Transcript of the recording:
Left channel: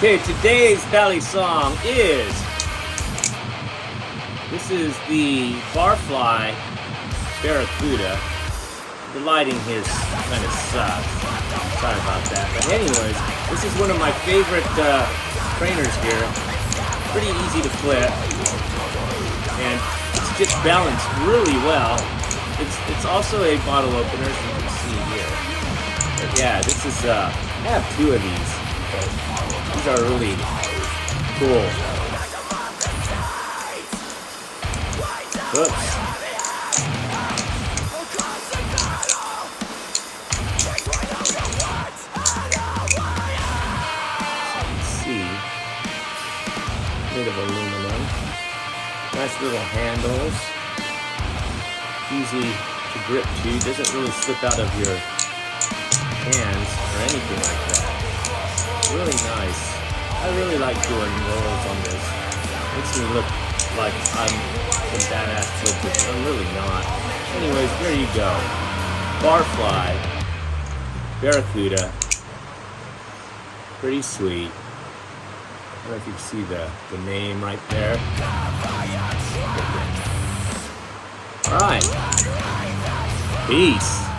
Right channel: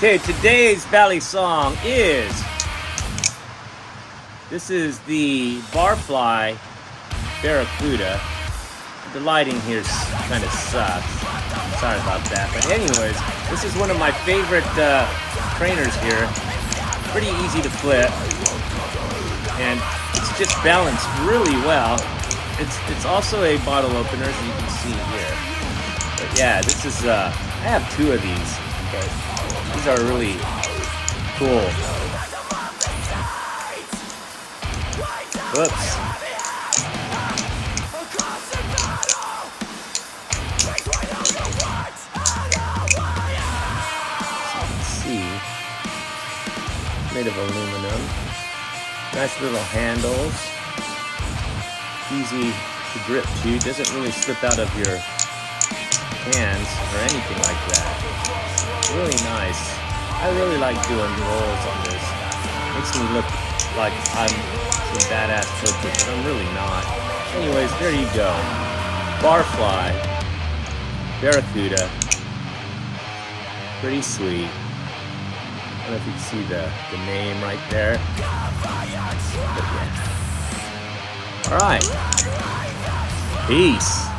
Okay, today's Balisong is, this is the Barfly Barracuda. The lighting here kind of sucks. Sorry about that. But anyways, this is one of my favorite trainers here. Pretty easy to flip. And it's just balanced really well. It's also a bottle opener, as you can see here. But yeah, this is, I have two of these. But these are really cool. Whoops. Made of aluminum. Nice little handles. Easy to grip too. Doesn't really slip out of your hands or anything like that. Really nice. I really like doing rolls on this. Makes me look like I'm some badass coach, but I'm really not. Anyways, there you go. Barfly Barracuda. Pretty sweet. I don't know if you can see the name right there. Alright. Peace.